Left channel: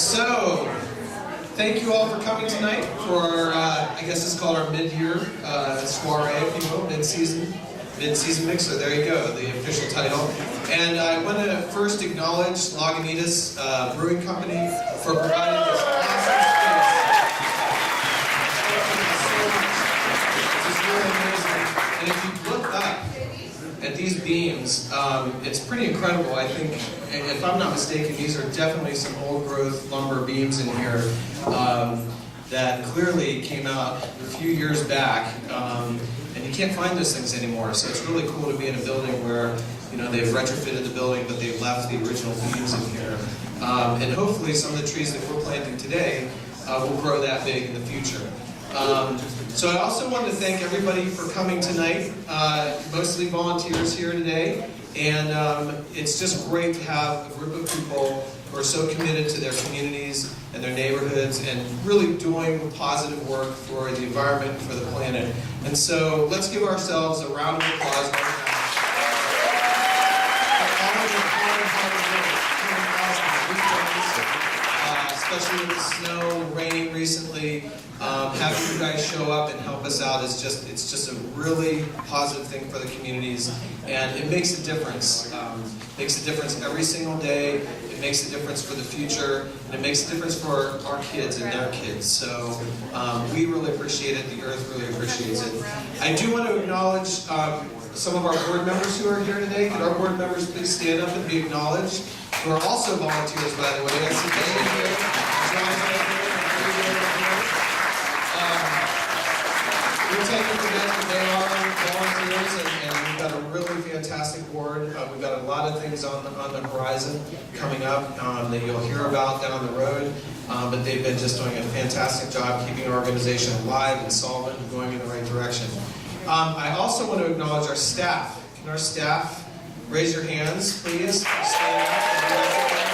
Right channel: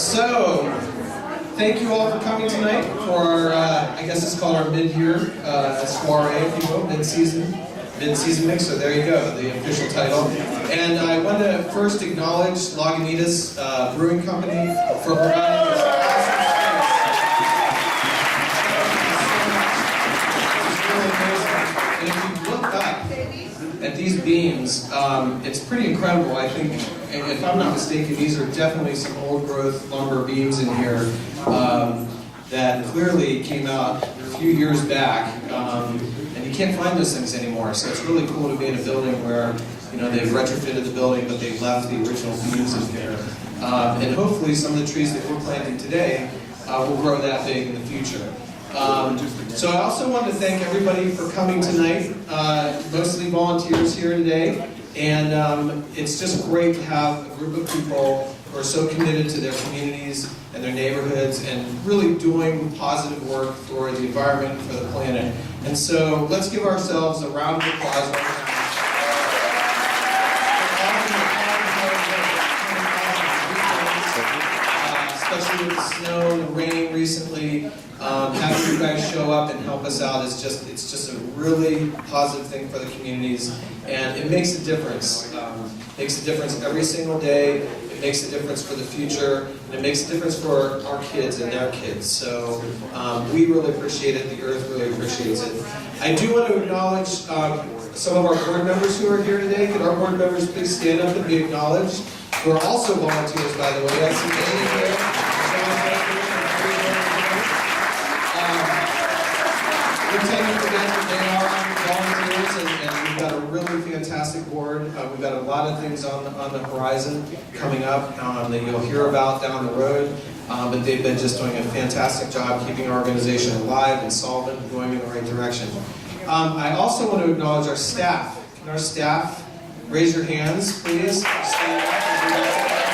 So, thank you all for coming tonight for our, I guess it's called our mid-year soiree, if you will, mid-season mix. So there you go, the official title. And I want to first acknowledge Lagunitas Brewing Company for providing this awesome space. Thank you so much. This is really amazing. And if you look up at these beams, it's pretty incredible. I think, if I'm not mistaken, these are definitely some old growth lumber beams in here that clearly came out a few years back. And you can't find those things anymore. So it's really cool to be in a building where, you know, they've retrofitted the building, but they left the original beams in here. And hopefully some of the trees that we're planting today will grow that big in the future. So I also want to thank everybody for coming tonight, mostly volunteers here today. And it's just great to have a group of people who are so committed to their communities and their neighborhoods and really doing positive work for the environment and for the planet. And so let's give ourselves a round of applause right now. For all of your hard work, especially with the snow and the rain recently. Having you guys show up and help us out is it's just a really positive thing for the communities, and it makes a difference. Makes a difference every single day. It makes a difference for the future, and it makes a difference for our kids and their kids. So we really appreciate it. The Earth really appreciates it. I do want to acknowledge some of our board members who are here today. Could our board members please stand up and be acknowledged? Who are also volunteers, by the way. I see Amy here, John right here. We're taking for granted they are volunteers, and we've got a really fantastic board. We've got a lot of things on the horizon coming up that you'll hear about down the road. But they've been just doing a fantastic job keeping our organization alive and solvent and going in the right direction. I also want to acknowledge our staff. Can our staff raise your hands, please? Stand up and do that.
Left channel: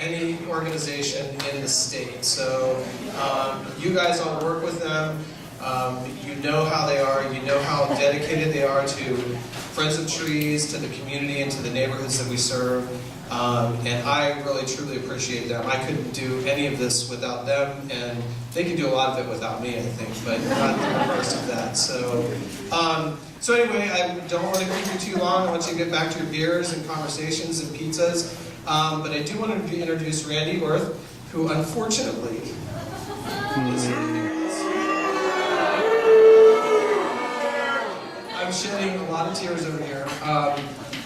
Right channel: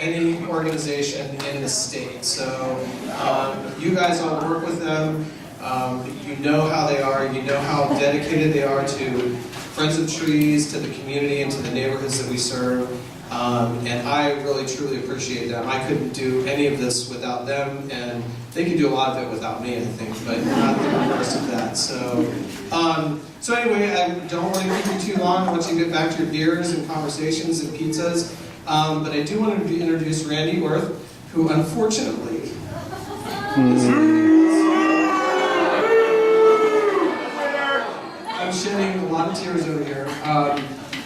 Any organization in the state. So you guys all work with them. You know how they are. You know how dedicated they are to Friends of Trees, to the community, and to the neighborhoods that we serve. And I really, truly appreciate them. I couldn't do any of this without them, and they could do a lot of it without me, I think, but not the reverse of that. So, so anyway, I don't want to keep you too long. I want you to get back to your beers and conversations and pizzas. But I do want to introduce Randy Worth, who unfortunately is leaving us. I'm shedding a lot of tears over here.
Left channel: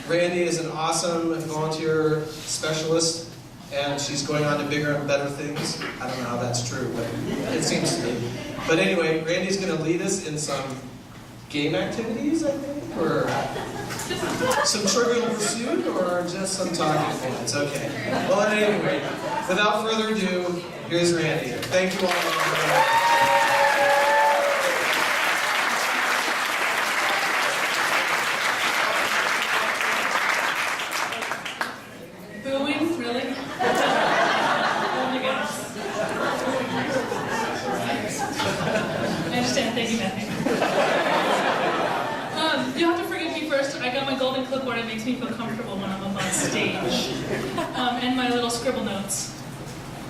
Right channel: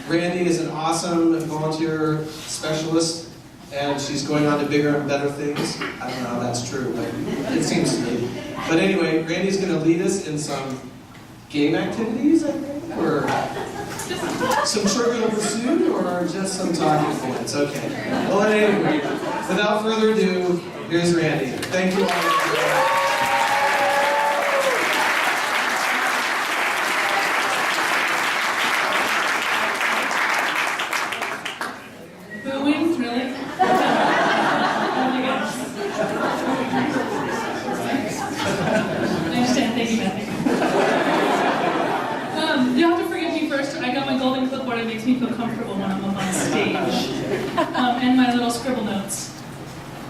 Randy is an awesome volunteer specialist, and she's going on to bigger and better things. I don't know how that's true, but it seems to me. But anyway, Randy's going to lead us in some game activities, I think, or some Trivial Pursuit, or just some talking points. Okay. Well, anyway, without further ado, here's Randy. Thank you all. Booing, really? Oh my gosh. I understand. Thank you, Matthew. You'll have to forgive me first. I got my golden clipboard. It makes me feel comfortable when I'm up on stage. And my little scribble notes.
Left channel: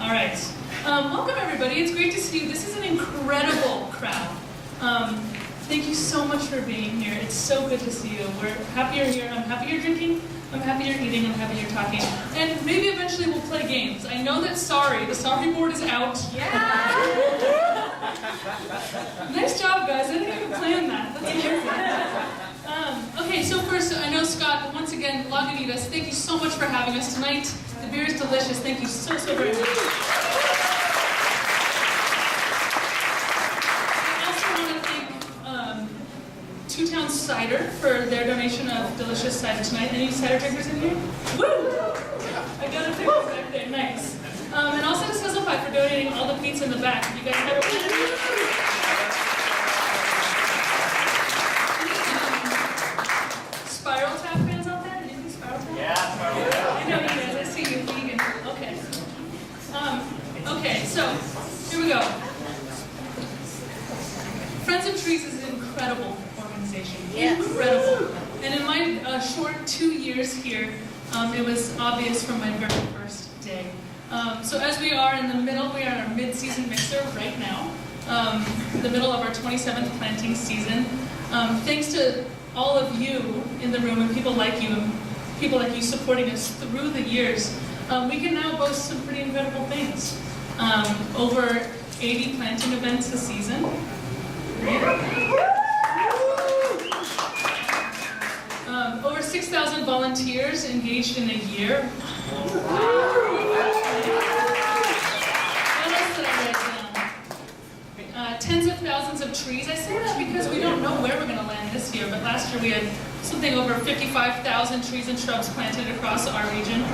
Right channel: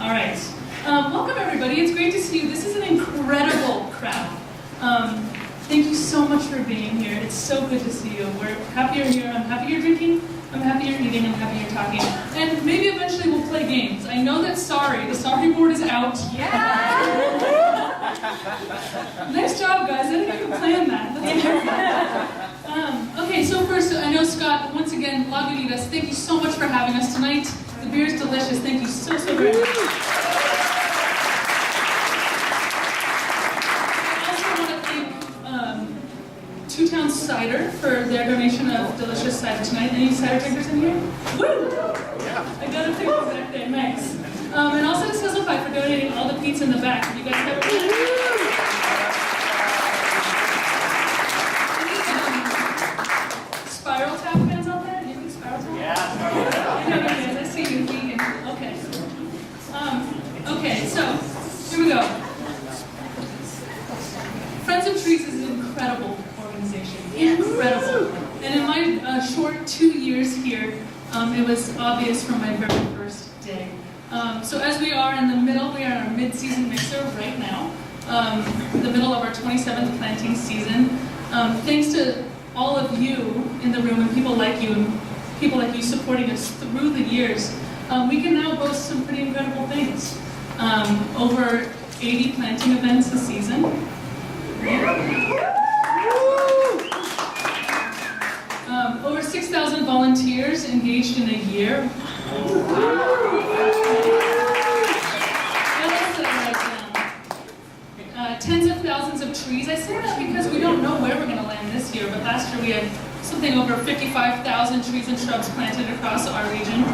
All right. Welcome, everybody. It's great to see you. This is an incredible crowd. Thank you so much for being here. It's so good to see you. We're happy you're here. I'm happy you're drinking. I'm happy you're eating. I'm happy you're talking. And maybe eventually we'll play games. I know that the sorry board is out. Yeah! Nice job, guys. I didn't even plan that. That's perfect. Okay, so first, I know Scott, once again, Lagunitas, thank you so much for having us tonight. The beer is delicious. Thank you so very much. I also want to thank Two Towns Cider for their donation of delicious cider tonight. Any cider drinkers in here? Woo! I got a picture back there. Nice. And also to Sizzle Pie for donating all the pizza in the back. You guys have it? Spiral Tap fans out there? Anything Spiral Tap? Yeah, Spiral Tap. I know you guys. I see you vegan. Okay. Okay, so here we go. Friends of Trees is an incredible organization. organization. Incredible. And in my short 2 years here, it was obvious from my very first day. So as we are in the middle, we are in our mid-season mixer right now, the middle of our 27th planting season. Thanks to all of you in the room and people like you supporting us through the years, we can now boast some pretty incredible things. Over 80 planting events a season. Over 6,000 volunteers engaged in a year. What else did I write down? Tens of thousands of trees. I say that because we don't know where we're going to land this year, but last year we had something over 55,000 trees and shrubs planted across our region. No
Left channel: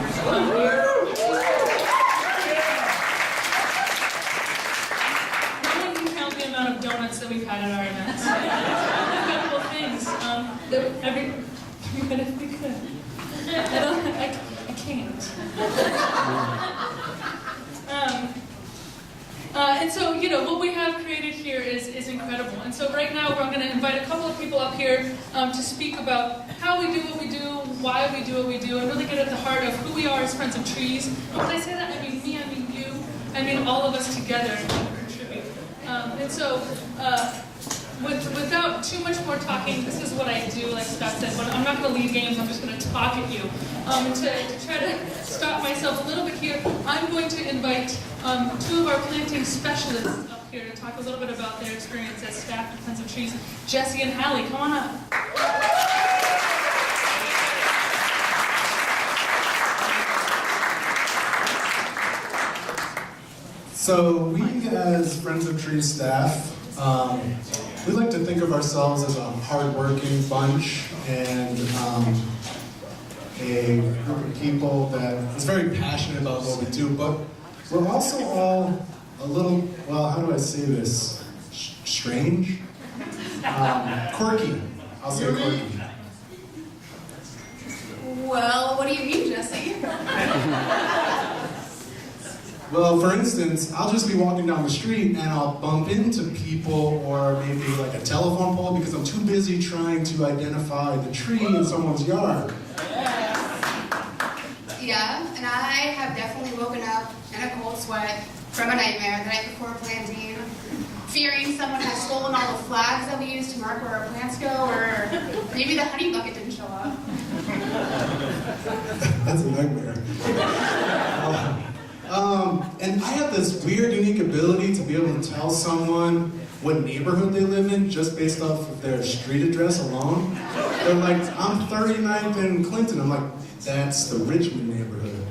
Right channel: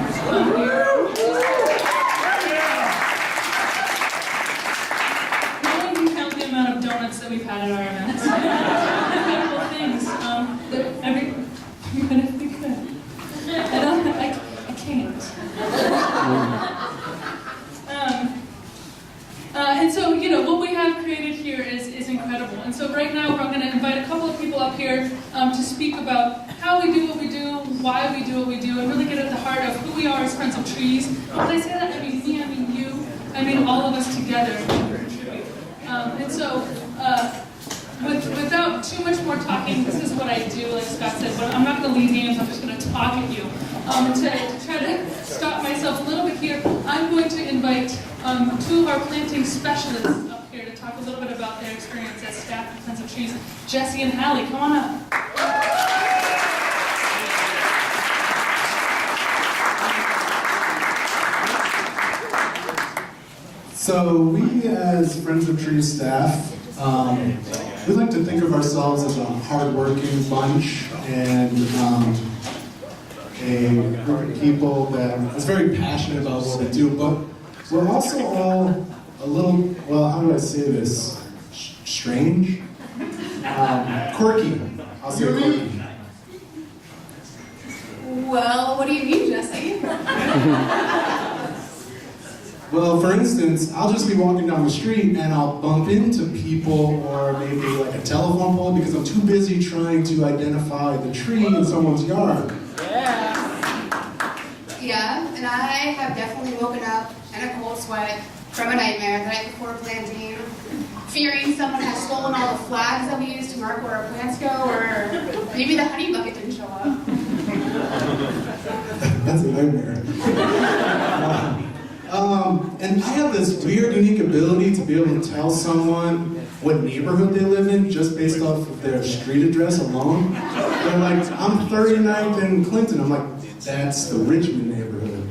one can count the amount of donuts that we've had at our events. Incredible things. Everybody if we could. I can't. And so, what we have created here is incredible. And so right now, I'm going to invite a couple of people up here to speak about how we do what we do, why we do what we do, and really get at the heart of who we are as Friends of Trees. And when I say that, I mean me, I mean you, I mean all of us together contribute. And so, without too much more talking, this is what I do, like Scott said, but I'm not going to lead games, I'm just going to talk at you. To try to stop myself a little bit here, I'm going to invite two of our planting specialists up here to talk a little bit about their experience as staff at Friends of Trees. Jesse and Hallie, come on up. So we as Friends of Trees staff, we like to think of ourselves as a hardworking bunch and a group of people that is very passionate about what we do, but we're also all a little, well, how do I say this? Strange? Quirky. I'll say quirky. Well, what do you mean, Jesse? Well, for instance, I'll just be walking down the street and I'll bump into people or maybe like a telephone pole because I'm too busy trying to identify the tree in someone's yard. Yeah, and I have definitely woken up in a cold sweat from a nightmare the night before planting, fearing someone has stolen all the flags that we use to mark where our plants go, or maybe the honey bucket didn't show up. That's a nightmare. And I have this weird, unique ability to be able to tell someone what neighborhood they live in just based off of their street address alone. They're like, I'm 39th in Clinton. I'm like, that's the Richmond neighborhood.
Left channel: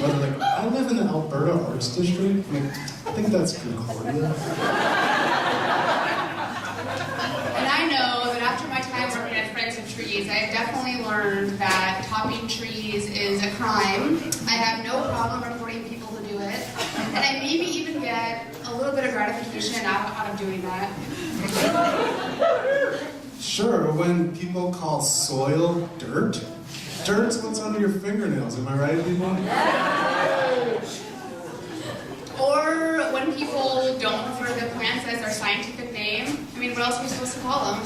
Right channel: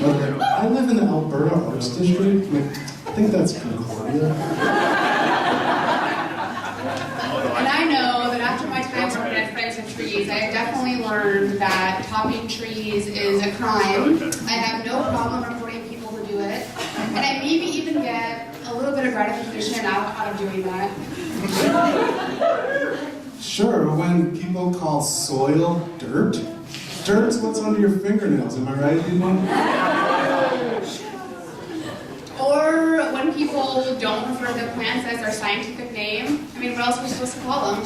Or they're like, I live in the Alberta Arts District. I'm like, I think that's Concordia. And I know that after my time working at Friends of Trees, I have definitely learned that topping trees is a crime. I have no problem reporting people who do it. And I maybe even get a little bit of gratification out of doing that. Sure, when people call soil dirt, dirt's what's under your fingernails, am I right, people? Or when people don't refer to plants as their scientific name. I mean, what else are we supposed to call them?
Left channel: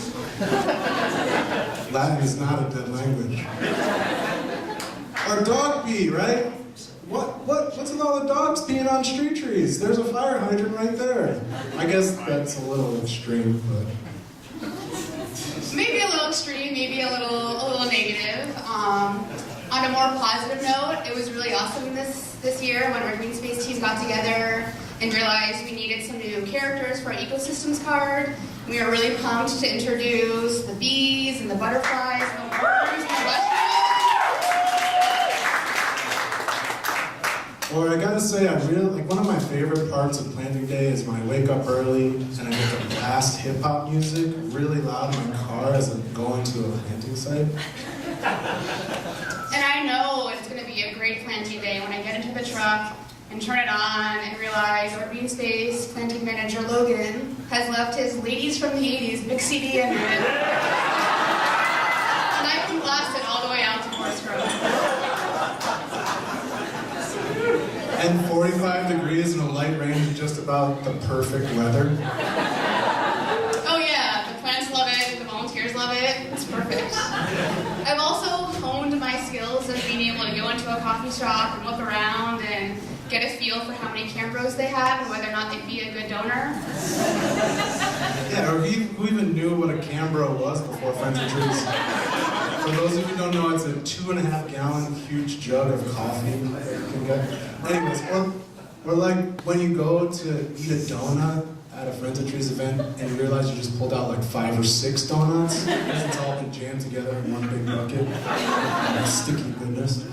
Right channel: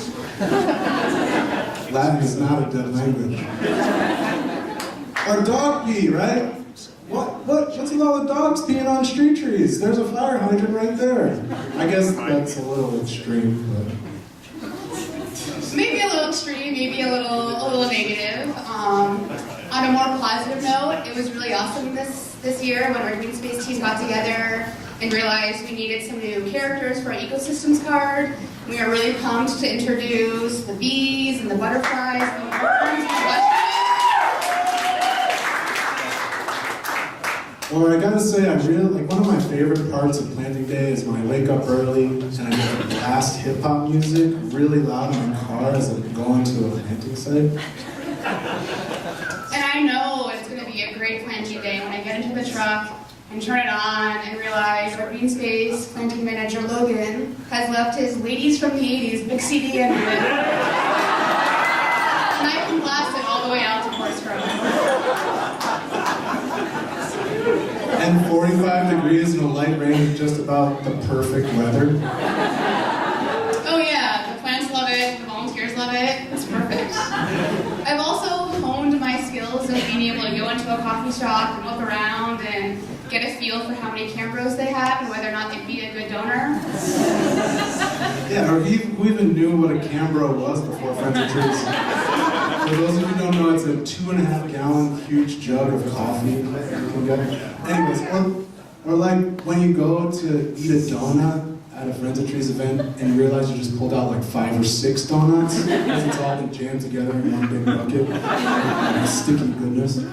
Latin is not a dead language. Or dog pee, right? What's with all the dogs peeing on street trees? There's a fire hydrant right there. I guess that's a little extreme, but... Maybe a little extreme, maybe a little negative. On a more positive note, it was really awesome this year when our Green Space team got together and realized we needed some new characters for our ecosystems card. We are really pumped to introduce the bees and the butterflies and the worms and the mushrooms. Or I gotta say, one of my favorite parts of planting day is when I wake up early and I get to blast hip hop music really loud in my car as I'm going to a planting site. And I know it's going to be a great planting day when I get into the truck and turn it on and realize our Green Space planting manager, Logan, has left his Ladies from the 80s mix CD in it. And I can blast it all the way out to Forest Grove. And 45 degrees and a light rain is just about the perfect weather. Oh yeah, the plants love it, the volunteers love it. It's perfect. I've also honed my skills of being able to go into a coffee shop and look around and get a feel for how many Cambros they have and whether or not they'd be a good donor. Yeah, or who even knew what a Cambro was before Friends of Trees? For those of you who don't know, it's a 2.5 gallon huge jug of coffee you can get. Anyways, or like when you go to eat a donut at a Friends of Trees event and you realize you just pulled out like 5 or 6 donuts because it's all been jammed together in one big bucket. Sticky goodness.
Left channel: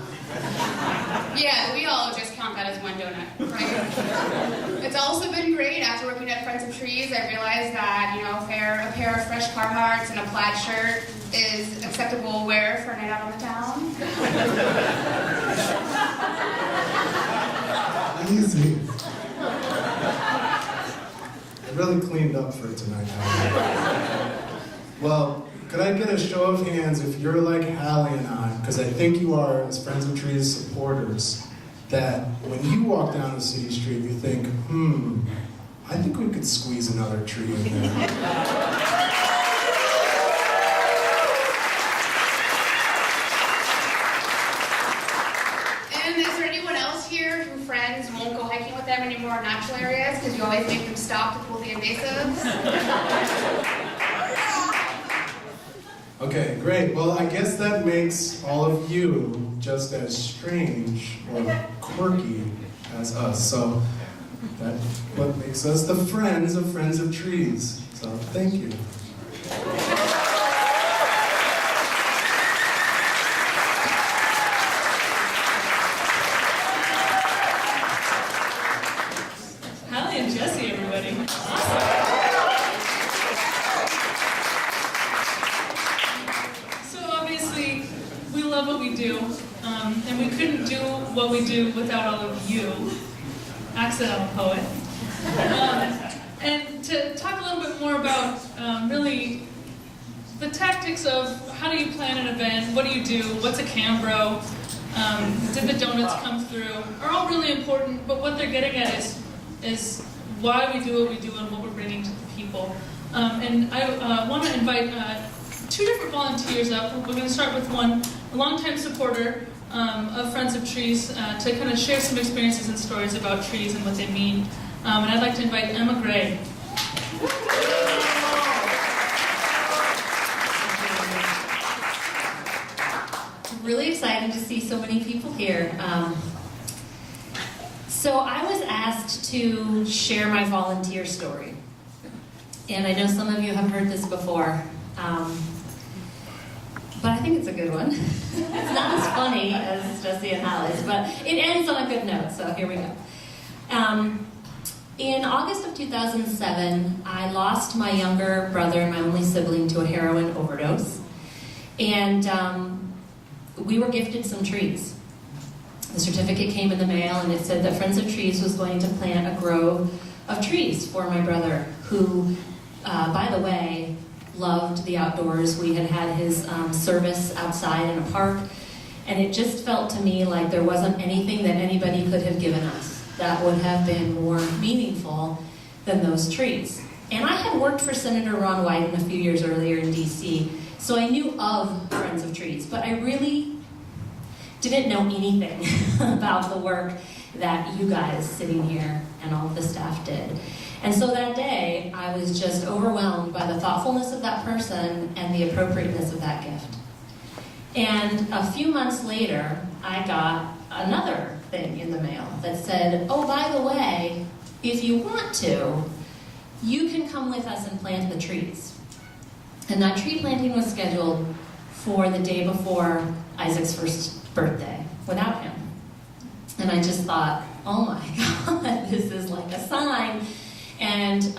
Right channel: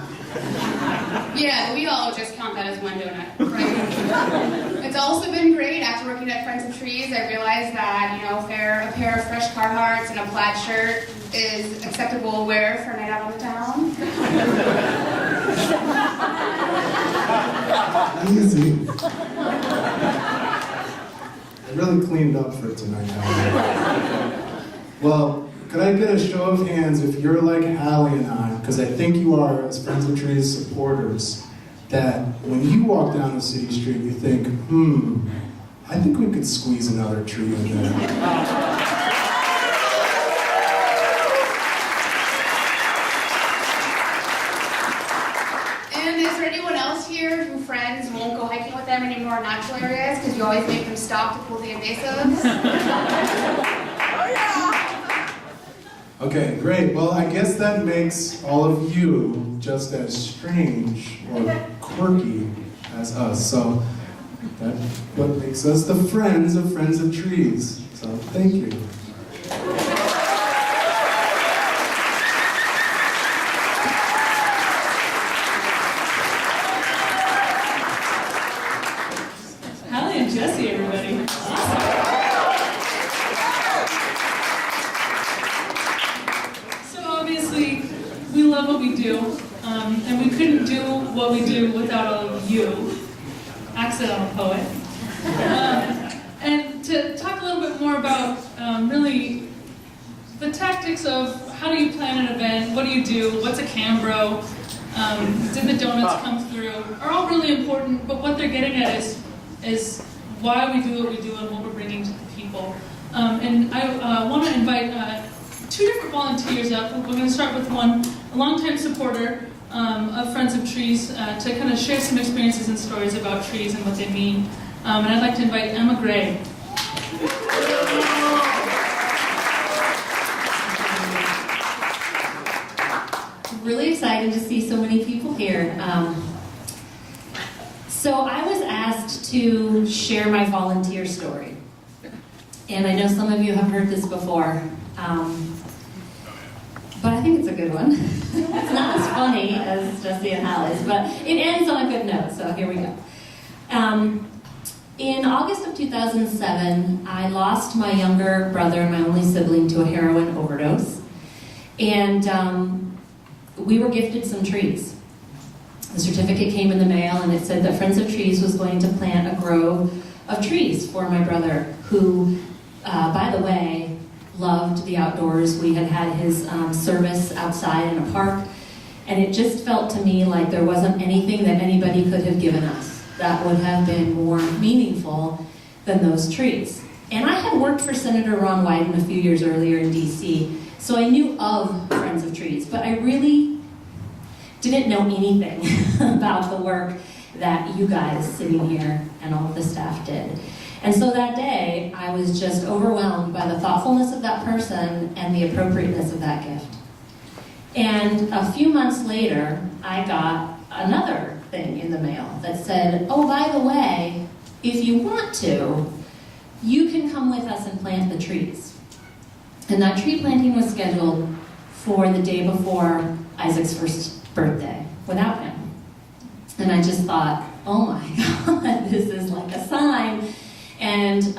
Yeah, but we all just count that as one donut, right? It's also been great. After working at Friends of Trees, I realized that, you know, a pair of fresh Carhartts and a plaid shirt is acceptable wear for a night out on the town. Easy. I really cleaned up for tonight. Well, could I get a show of hands if you're like Hallie and I, because I think you are, as Friends of Trees supporters, that when you walk down a city street, you think, I think we could squeeze another tree in there. Friends won't go hiking with them anymore in natural areas because you always make them stop to pull the invasives. Okay, great. Well, I guess that makes all of you just as strange or quirky as us. So that's what makes us the friends of Trees. So thank you. Hallie and Jesse, everybody. Awesome. So obviously, we love what we do, and we couldn't do what we do without all of you, accidental poet. And to talk a little bit more about really the tactics of how do you plan an event, what do you do, what's a Cambro, did the donuts come through, are all really important, but what they're getting at is why we do what we do and what we're bringing to the people. And I want to invite 2 different volunteers up. We're going to start with one, a longtime supporter of Friends of Trees, to kind of share some experiences and stories about trees and what they mean. And I'd like to invite Emma Gray. Really excited to see so many people here. So I was asked to share my volunteer story. And I know some of you have heard this before, but I think it's a good one. It's not as funny as Jesse and Hallie's, but it ends on a good note, so here we go. In August of 2007, I lost my younger brother, my only sibling, to a heroin overdose. And we were gifted some trees. The certificate came in the mail and it said that Friends of Trees was going to plant a grove of trees for my brother, who, by the way, loved the outdoors. We had had his service outside in a park, and it just felt to me like there wasn't anything that anybody could have given us that would have been more meaningful than those trees. And I had worked for Senator Ron Wyden a few years earlier in DC, so I knew of Friends of Trees, but I really didn't know anything about the work that you guys sitting here and all of the staff did. And so that day, I was just overwhelmed by the thoughtfulness of that person and the appropriateness of that gift. And a few months later, I got another thing in the mail that said, oh, by the way, if you want to, you can come with us and plant the trees. And that tree planting was scheduled for the day before Isaac's first birthday, without him. And I just thought, oh my God, this is like a sign. And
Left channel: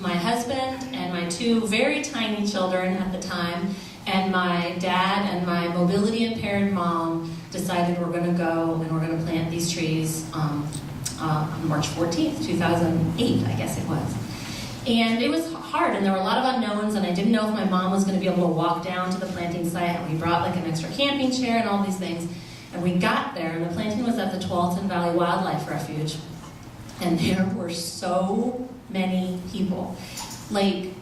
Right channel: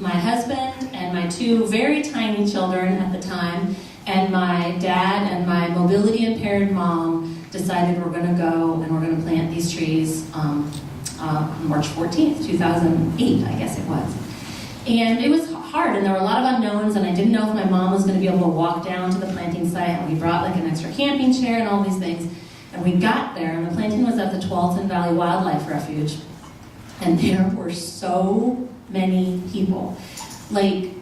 my husband and my 2 very tiny children at the time, and my dad and my mobility impaired mom decided we're going to go and we're going to plant these trees on March 14th, 2008, I guess it was. And it was hard, and there were a lot of unknowns, and I didn't know if my mom was going to be able to walk down to the planting site, and we brought like an extra camping chair and all these things. And we got there, and the planting was at the Tualatin Valley Wildlife Refuge, and there were so many people. Like,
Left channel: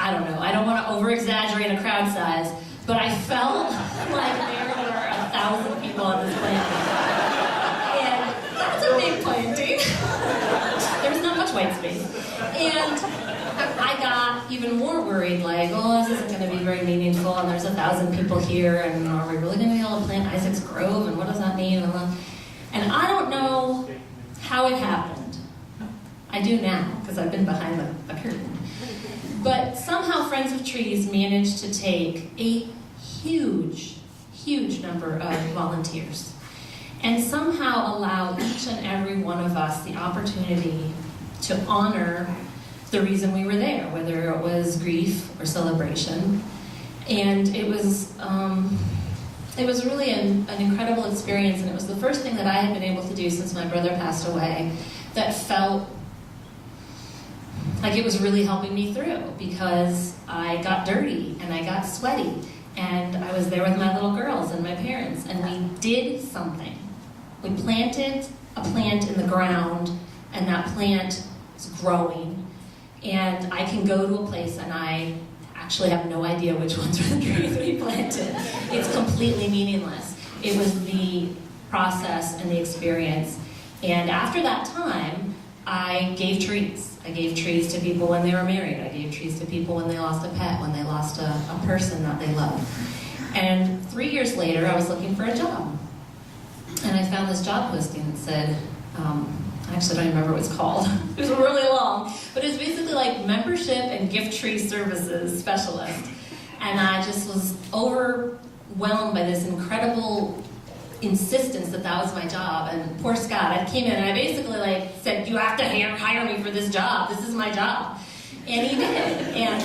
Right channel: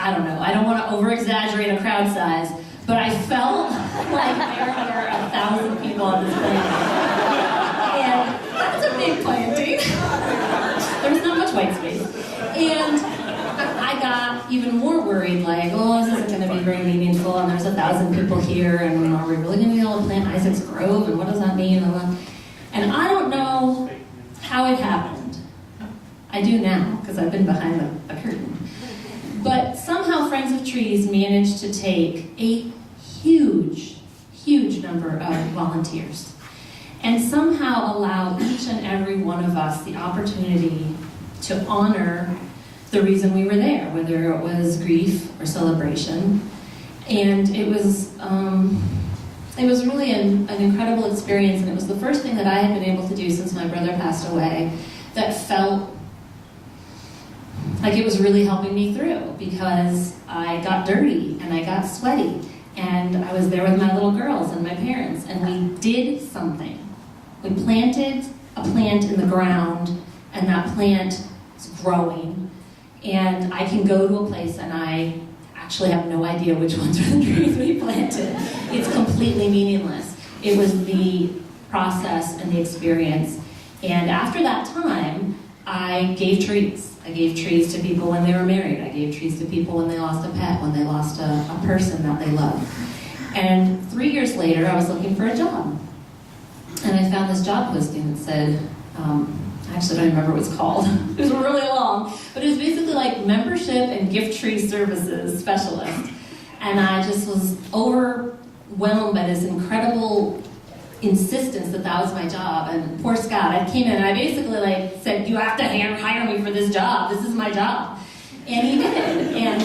I don't know, I don't want to over-exaggerate a crowd size, but I felt like there were 1,000 people on this planting. And that's a big planting. There was not much white space. And I got even more worried, like, oh, this isn't going to be very meaningful, and there's 1,000 people here, and are we really going to be able to plant Isaac's Grove, and what does that mean? And I don't know how it happened. I do now, because I've been behind the curtain. But somehow Friends of Trees managed to take a huge, huge number of volunteers and somehow allow each and every one of us the opportunity to honor the reason we were there, whether it was grief or celebration. And it was really an incredible experience, and it was the first thing that I had been able to do since my brother passed away that felt like it was really helping me through, because I got dirty and I got sweaty, and I was there with my little girls and my parents, and we did something. We planted a plant in the ground, and that plant is growing, and I can go to a place and I actually have no idea which ones are the trees we planted. It's completely meaningless. It was the process and the experience. And after that time, I gave trees. I gave trees to people when they were married. I gave trees to people when they lost a pet, when they lost a person that they loved. And 3 years later, I was looking for a job. And I found this job posting that said, I actually don't remember what it's called. It was really long. But it was basically like membership and gift tree services specialist. And I just was overwhelmed by this incredible insistence that that was my job. And poor Scott, I came in and I basically said, you have to hire me for this job. This is my job. And he did. And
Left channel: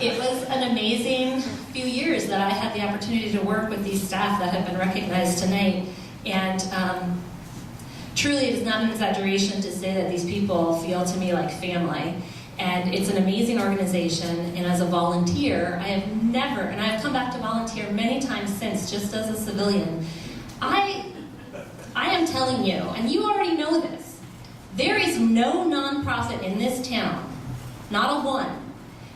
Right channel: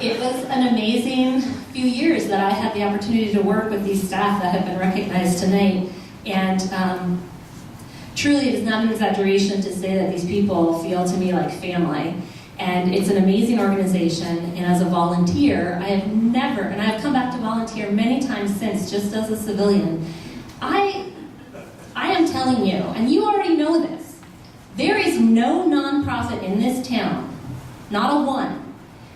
it was an amazing few years that I had the opportunity to work with these staff that have been recognized tonight. And truly, it is not an exaggeration to say that these people feel to me like family. And it's an amazing organization, and as a volunteer, I have never, and I've come back to volunteer many times since, just as a civilian. I am telling you, and you already know this, there is no nonprofit in this town, not a one,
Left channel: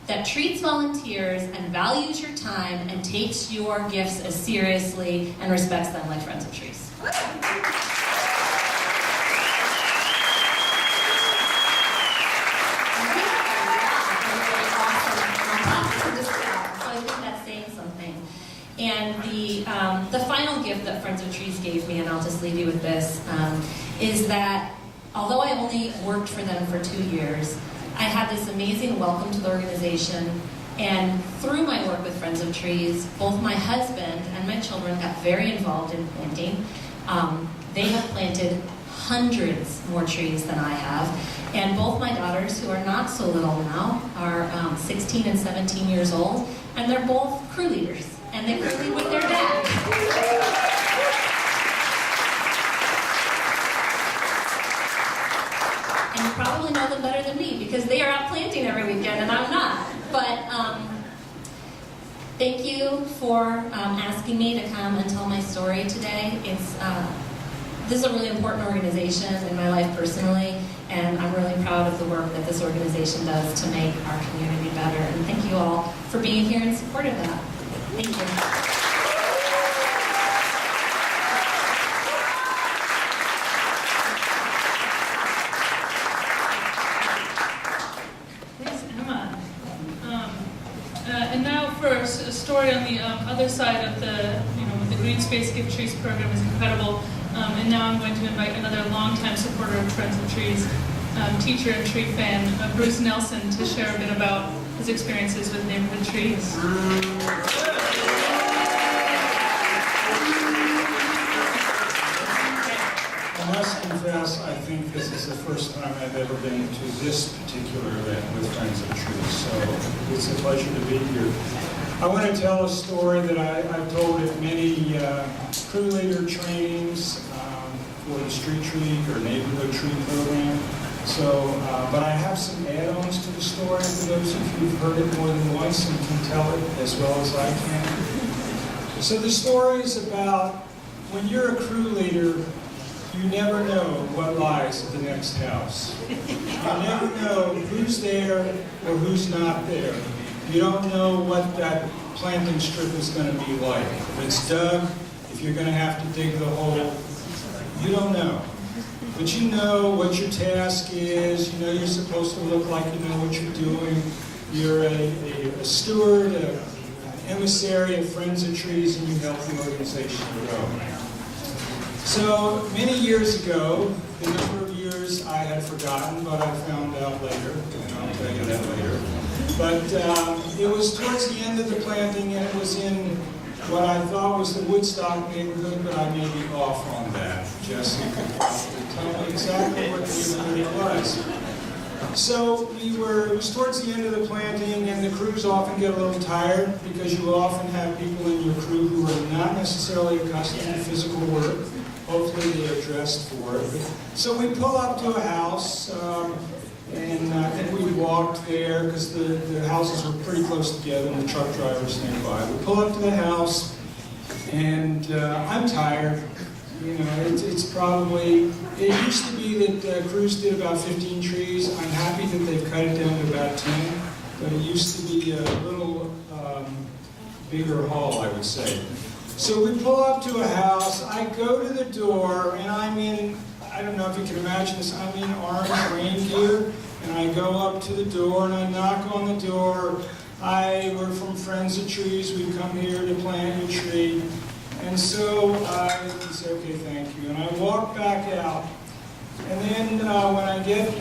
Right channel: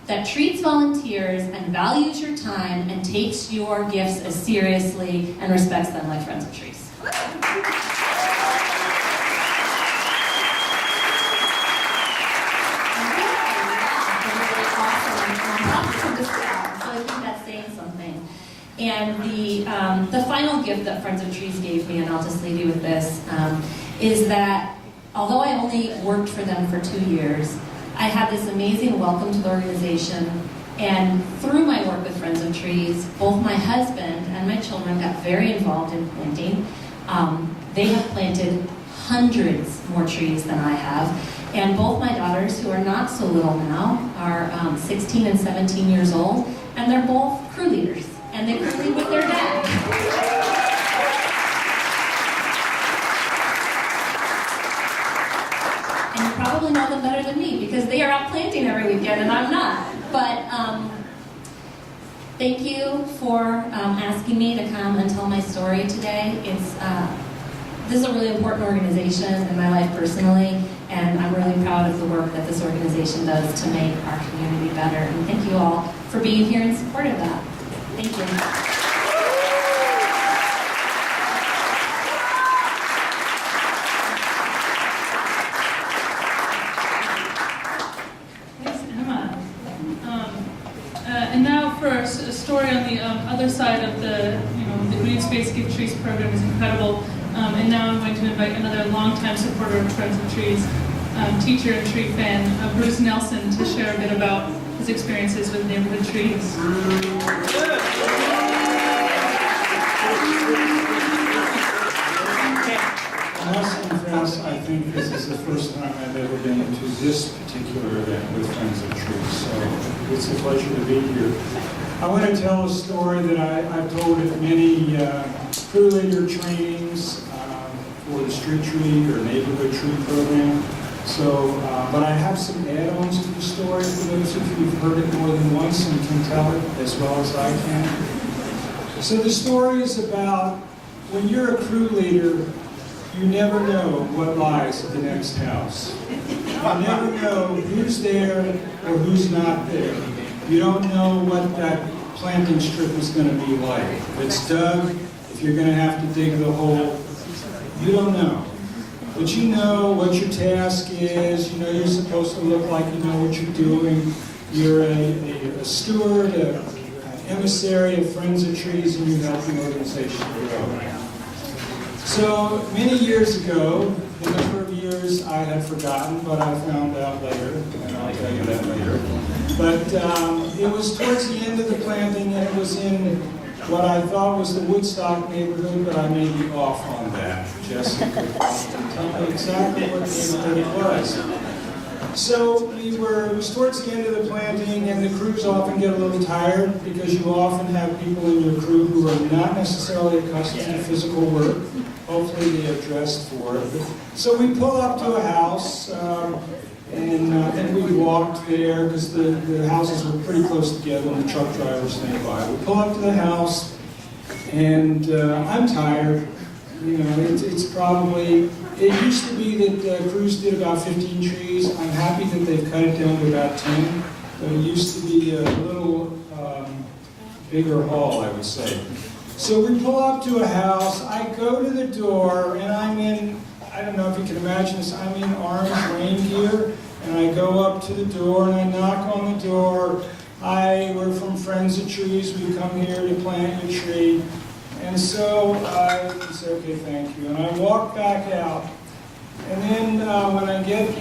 that treats volunteers and values your time and takes your gifts as seriously and respects them like Friends of Trees. And the final gift that Friends of Trees gave me, and I'll just leave you with this, is that although I only worked for them for 2 years, I had this amazing welcome to the organization, and through my work with Friends of Trees, both my husband and my children got very involved in planting. They have planted hundreds more trees than I have, and both my daughters, who are not so little now, are 16 and 17 years old, and they're both crew leaders. And they crew lead with their dad. And you probably know them better than me, because they are out planting every weekend and I'm not. But thank you for asking me to come and tell my story today. This is a really important organization in my life personally, and I'm really proud of the work that this organization does to make our community better. And thank you all for being here in support of that. Thank you. Thanks, Emma. And now for a story on the other side of the Green Space Gift Trees program is incredible. And now I'm going to invite another longtime supporter of Friends of Trees, teacher and tree fan, Bruce Nelson, to share a bit about his experiences with neighborhood trees. I must confess, I think this is the first time I've ever been to this particular event with Friends of Trees, so it's a pleasure to be here. I want to tell a story that I've told at many crew leader trainings for the street tree or neighborhood tree program. So, but I have some add-ons to the story for those of you who've heard it more than once and can tell it as well as I can. So the story is about when you're a crew leader you never know what lies at the next house. You never know who's there or who's not there. You don't know what that planting strip is going to be like. If it's dug, if you're going to have to dig the hole, you don't know. But you know what your task is, you know you're supposed to look like you know what you're doing. You're a steward, an emissary of Friends of Trees, and you help the organization grow. So many years ago, the number of years I had forgotten, but I found out later, and I'll tell you that later. But it was towards the end of the planting, and it was in what I thought was the Woodstock neighborhood, but I may be off on that. Jesse could probably tell me exactly what neighborhood it was. So it was towards the end of the planting, and the crews often get a little tired because you often have people in your crew who are not necessarily accustomed to physical work. Hopefully they are dressed for it. So we pull up to a house, and I think we walked there because the houses were pretty close together and the truck drivers nearby. We pull up to the house, and I'm tired. You know, it's probably, it used to be that crews did about 15 trees. I'm happy that they've cut it down to about 10, but it used to be a little bigger haul, I would say. So we pull up to a house, I go to the door, and I'm in, I don't know if you can imagine this, I'm in orange rain gear, and I go up to the door and I knock on the door. Hi, we're from Friends of Trees, we come here to plant your tree. And so I say, okay, thank you. And I walk back out. And then when I get,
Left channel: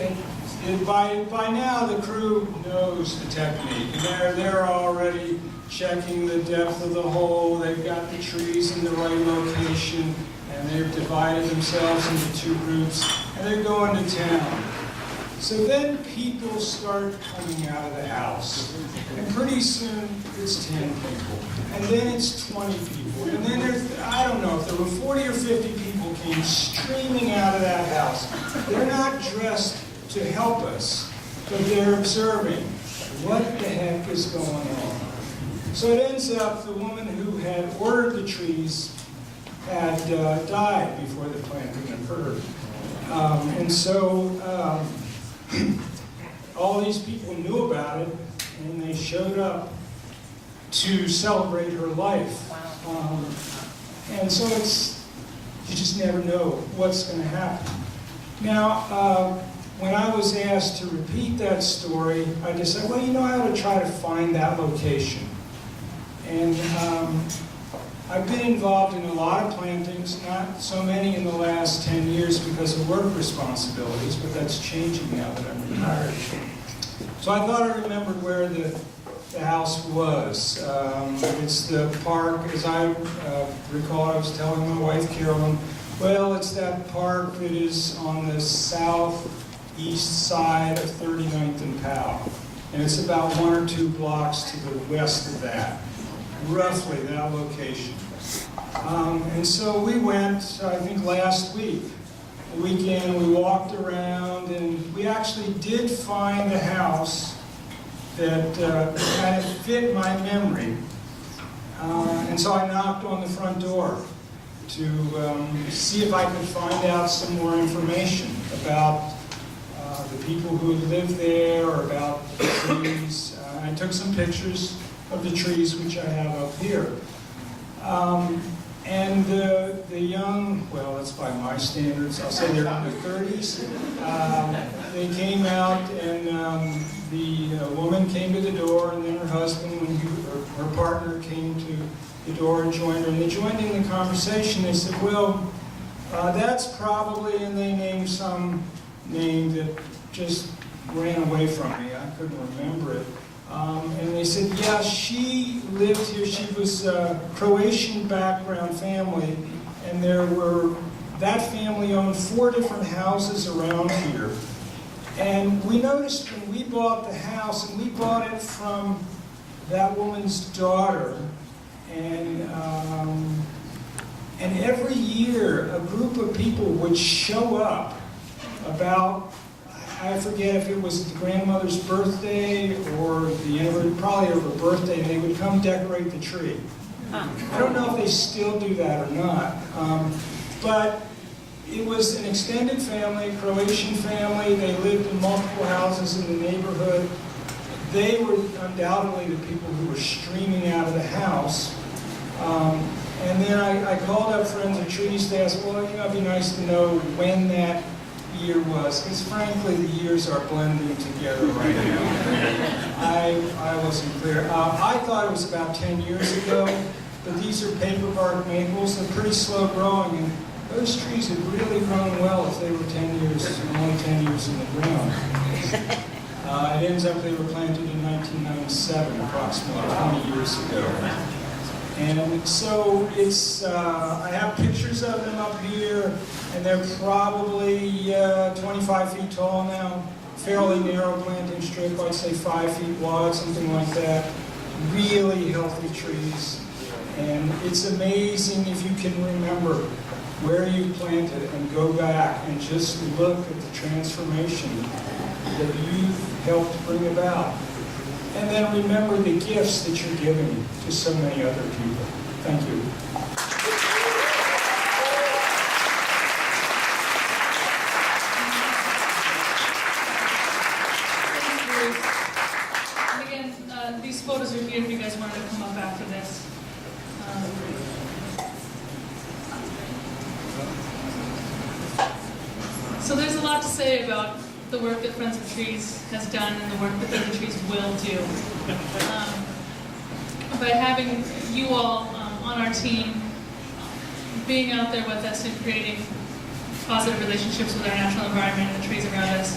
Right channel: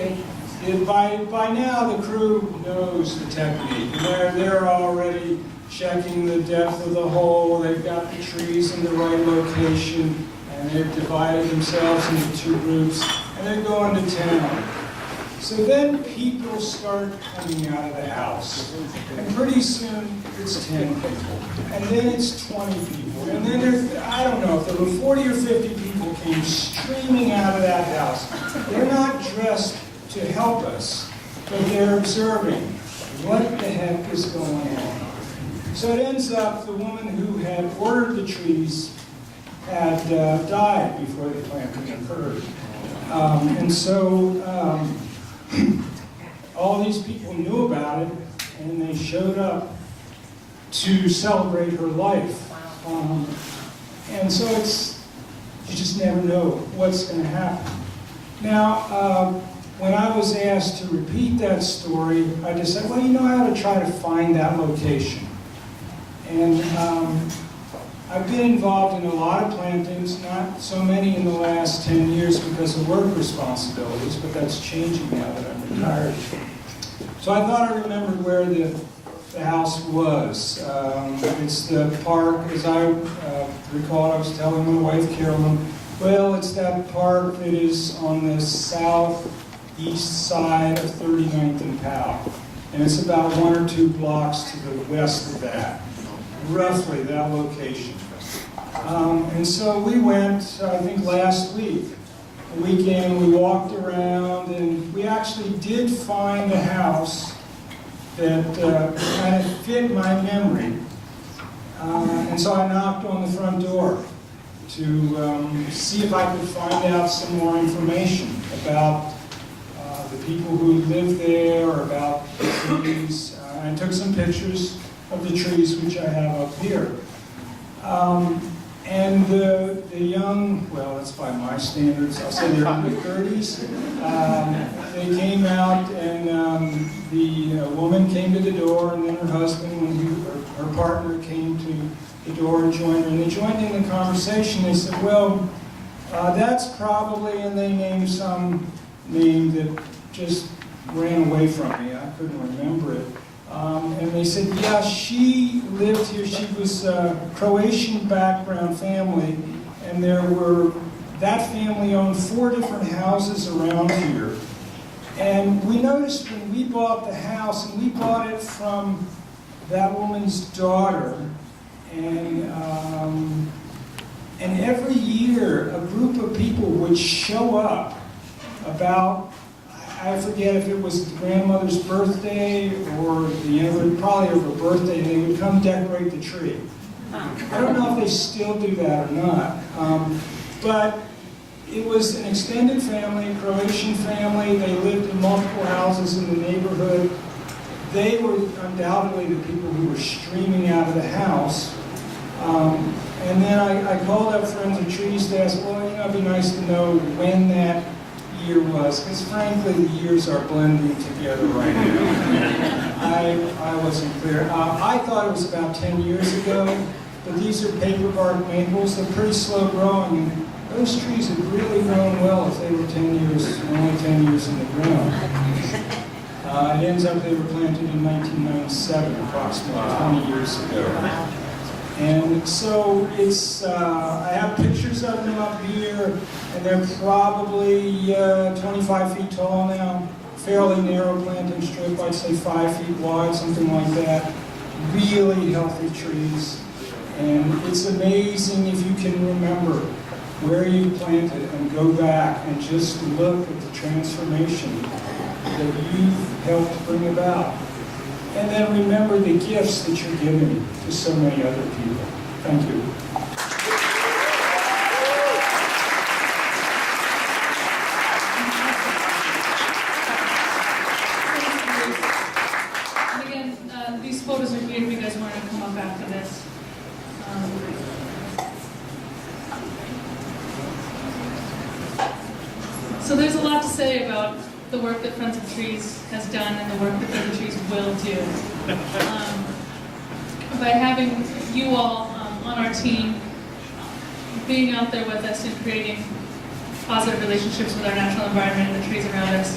by now the crew knows the technique. They're already checking the depth of the hole. They've got the trees in the right location. And they've divided themselves into two groups. And they're going to town. So then people start coming out of the house. And pretty soon it's 10 people. And then it's 20 people. And then I don't know, if there were 40 or 50 people came streaming out of that house. They're not dressed to help us, but they're observing what the heck is going on. So it ends up the woman who had ordered the trees had died before the planting occurred. And so all these people knew about it, and they showed up to celebrate her life. And so you just never know what's going to happen. Now, when I was asked to repeat that story, I just said, well, you know, I ought to try to find that location. And I've been involved in a lot of plantings, not so many in the last 10 years because of work responsibilities, but that's changing now that I'm retired. So I thought I remembered where the house was. It's the park, as I recall, I was telling my wife, Carolyn, well, it's that park that is on the southeast side of 39th and Powell. And it's about 1 or 2 blocks to the west of that. Roughly that location. And so we went, I think last week, the weekend, we walked around, and we actually did find a house that kind of fit my memory. And so I knocked on the front door to see if I could find out some more information about the people who lived there, or about the trees. I took some pictures of the trees, which I have up here. And the young, well, that's by my standards, I'll say they're in their 30s. They came out, and the woman came to the door, and then her husband, her partner, came to the door and joined her. And they joined in the conversation. They said, well, that's probably, and they named some name that just ran away from me. I couldn't remember it. And they said, yeah, she lived here. She was a Croatian background family, and that family owned 4 different houses around here. And we noticed when we bought the house, and we bought it from that woman's daughter, and every year a group of people would show up about, I forget if it was the grandmother's birthday or probably of her birthday, and they would come decorate the tree. I don't know if they still do that or not, but it was an extended family, Croatian family. They lived in multiple houses in the neighborhood. They were undoubtedly the people who were streaming out of the house. And then I called up Friends of Trees to ask, well, it'd be nice to know when that year was, because frankly, the years are blending together right now. I wasn't clear. I thought it was about 10 years ago, but these are paper bark maples. They're pretty slow growing, and those trees have really grown well if they were 10 years, only 10 years in the ground. It ends up they were planted in 1997, approximately 20 years ago. And so it's, I have pictures of them up here, and they're probably 25 feet tall now. Fairly narrow planting strip, I'd say 5 feet wide, something like that. Really healthy trees. And it's amazing if you can remember where you planted and go back and just look at the transformation that you've helped bring about. And then remember the gifts that you're giving to so many other people. Thank you. And again, these photos are here if you guys wanted to come up after this. So there's a lot to say about the work that Friends of Trees has done and the work that Friends of Trees will do. By having you all on our team, being out there with us and creating positive relationships with our natural environment and the trees around us,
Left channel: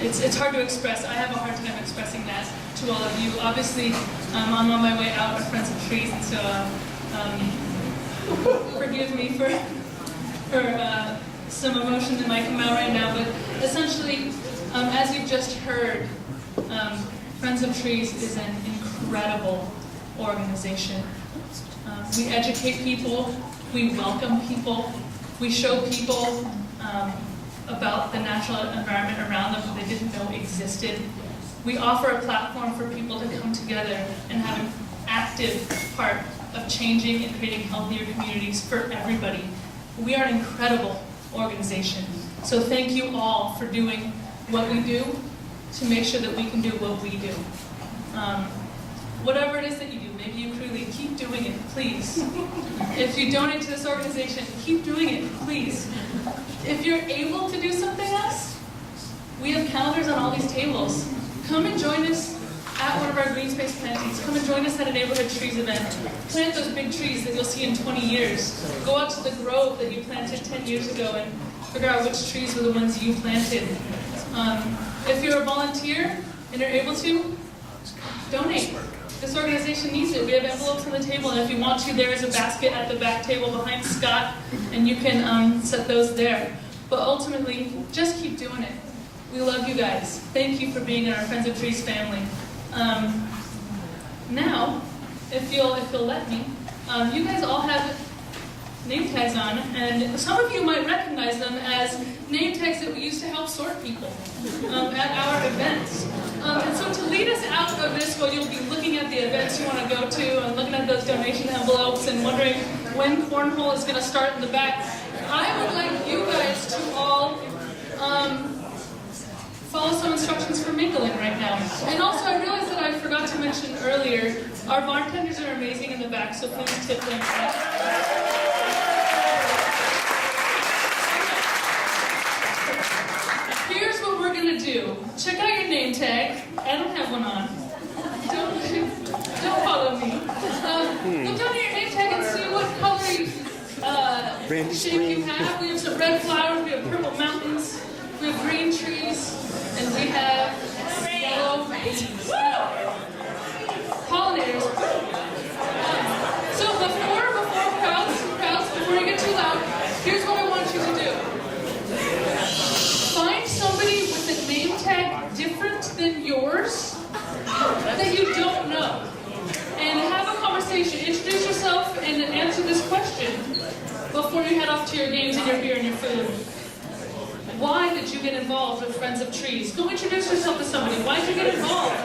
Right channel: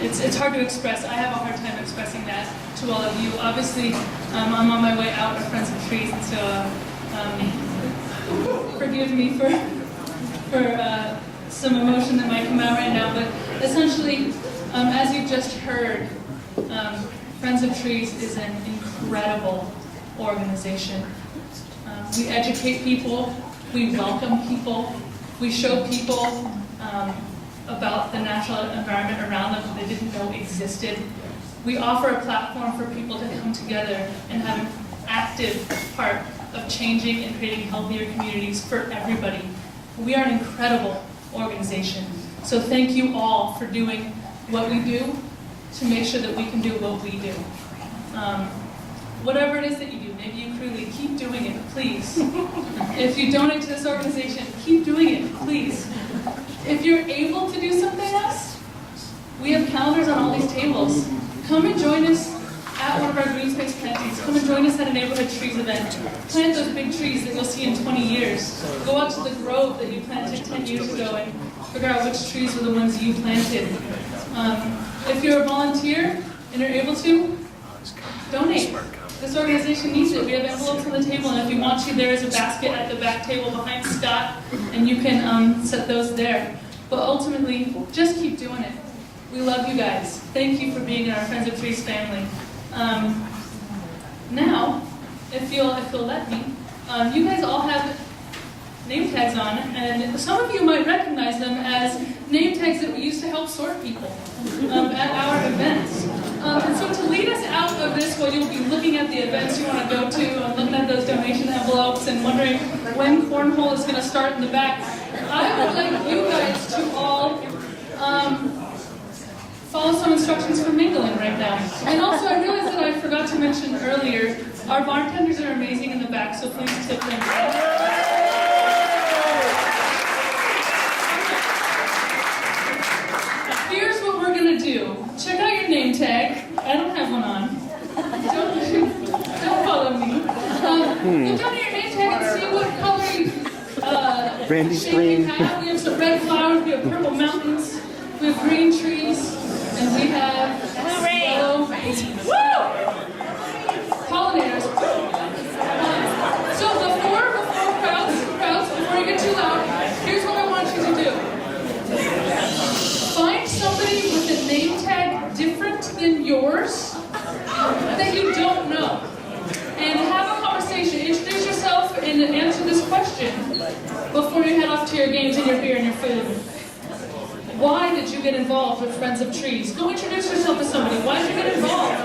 it's hard to express. I have a hard time expressing that to all of you. Obviously, I'm on my way out of Friends of Trees, and so forgive me for some emotion that might come out right now, but essentially, as you've just heard, Friends of Trees is an incredible organization. We educate people, we welcome people, we show people about the natural environment around them that they didn't know existed. We offer a platform for people to come together and have an active part of changing and creating healthier communities for everybody. We are an incredible organization. So thank you all for doing what we do to make sure that we can do what we do. Whatever it is that you do, maybe you truly keep doing it, please. If you donate to this organization, keep doing it, please. If you're able to do something else, we have calendars on all these tables. Come and join us at one of our green space plantings. Come and join us at a neighborhood trees event. Plant those big trees that you'll see in 20 years. Go out to the grove that you planted 10 years ago and figure out which trees were the ones you planted. If you're a volunteer and you're able to, donate. This organization needs it. We have envelopes on the table, and if you want to, there is a basket at the back table behind Scott, and you can set those there. But ultimately, just keep doing it. We love you guys. Thank you for being in our Friends of Trees family. Now, if you'll let me, you guys all have name tags on, and some of you might recognize them as name tags that we used to help sort people at our events. And so to lead us out of this, while you'll be looking at the events you want to go to and looking at those donation envelopes and wondering when cornhole is going to start in the back, I would like you guys to all follow some instructions for mingling right now. And also, I realized that I forgot to mention earlier, our bartenders are amazing in the back, so please tip them. Here's what we're gonna do. Check out your name tag. I don't have one on. Don't follow me. Look down at your name tag and see what color shape you have. We have some red flowers, we have purple mountains, we have green trees, and we have yellow babies. Pollinators. So before crowds, before you get too loud, here's what I want you to do. Find somebody with a name tag different than yours that you don't know. And have a conversation. Introduce yourself and answer this question before you head off to your games and your beer and your food. Why did you get involved with Friends of Trees? Go introduce yourself to somebody. Why did you get involved?